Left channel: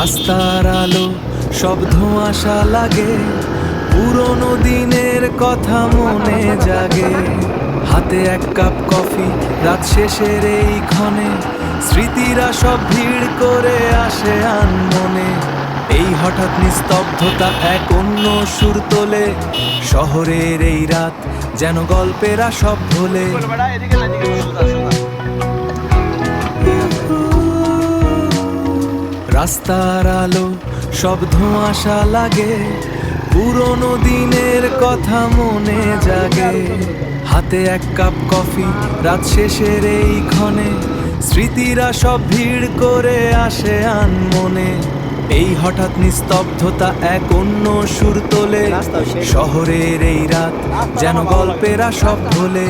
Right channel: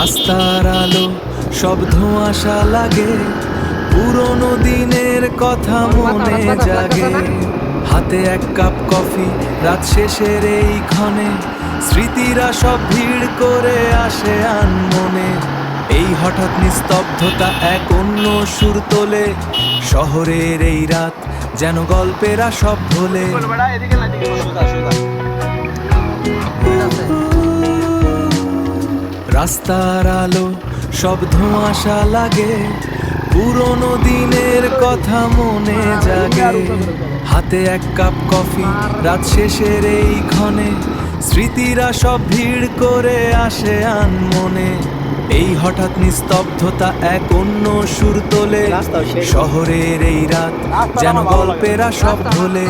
রাস্তার আলো সব ধোঁয়াশা লাগে, পুরনো দিনের কথা মনে জাগে। হাতে এক কাপ কফি, রাত শেষের এই ক্ষণে স্মৃতিরা সব ভিড় করে আসে আনমনে। এই হঠাৎ নিস্তব্ধতা এক অন্য সুর তোলে, শহরের এই রাত যেন গল্পেরা সব ভোলে। রাস্তার আলো সব ধোঁয়াশা লাগে, পুরনো দিনের কথা মনে জাগে। হাতে এক কাপ কফি, রাত শেষের এই ক্ষণে স্মৃতিরা সব ভিড় করে আসে আনমনে। এই হঠাৎ নিস্তব্ধতা এক অন্য সুর তোলে, শহরের এই রাত যেন গল্পেরা সব ভোলে।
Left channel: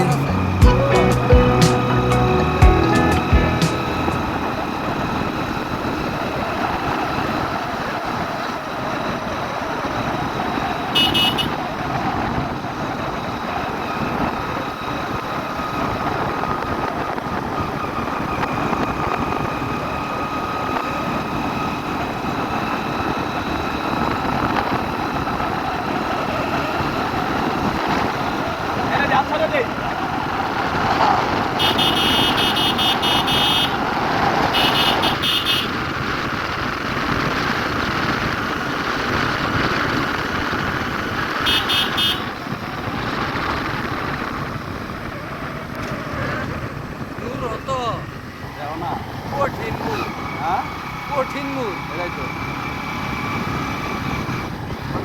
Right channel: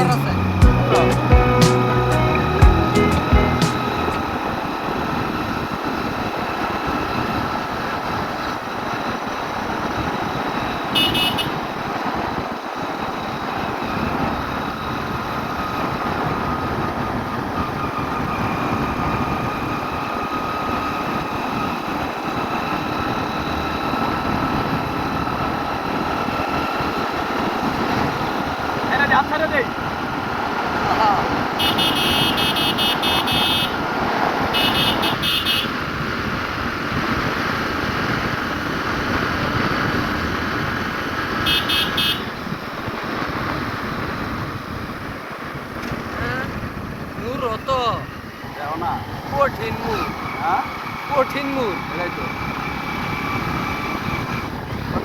কঠিন মুড, হ্যাঁ কঠিন মুড, এটাই তো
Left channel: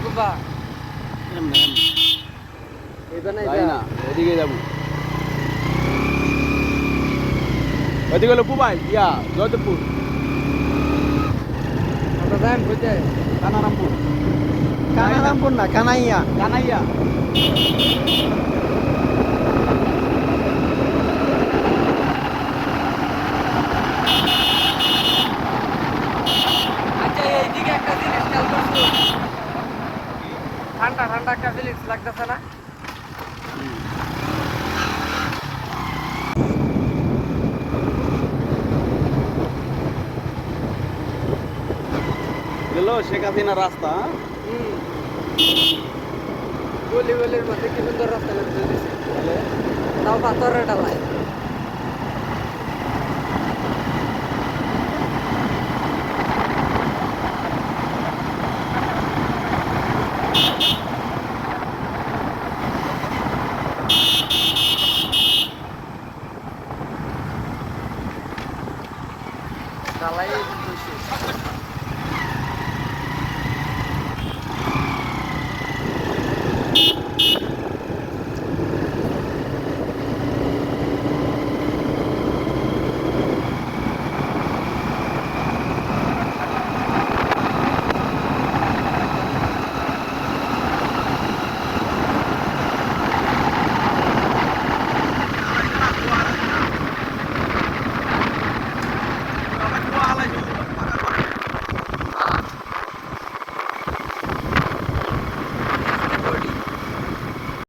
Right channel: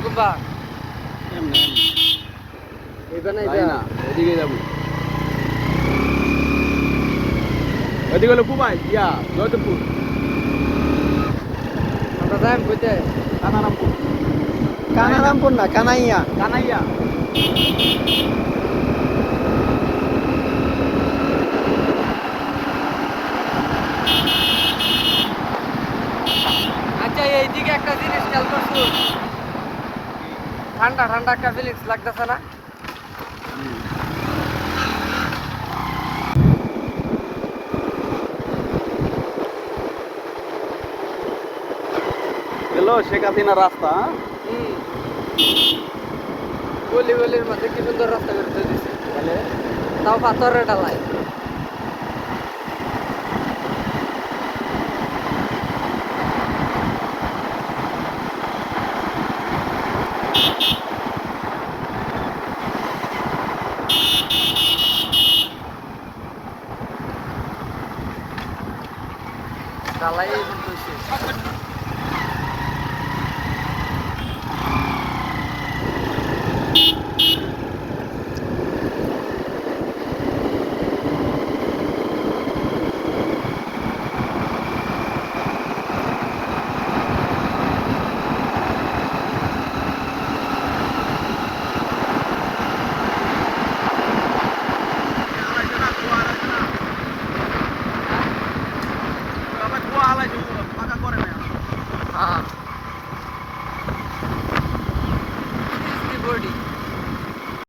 কুম্বা না এদিকে যাবো। এদিকে হলো কুমাই ইয়া জয়দেবপুর। আমরা যাই কইতে কানারামপুর। কানারামপুর না, কানাইয়া। কানাইয়া এইদিকে একটা জিনিস খেয়াল করছো, ঠান্ডা ঠান্ডা একটা ফিলিংস লাগতেছে না? গেল শেখ হাসিনা রাস্তা। গলি গলির মধ্যে কি সুন্দর রাস্তা করে দিচ্ছে, তাহলে তাও পাথরের ডালাই। ডালাই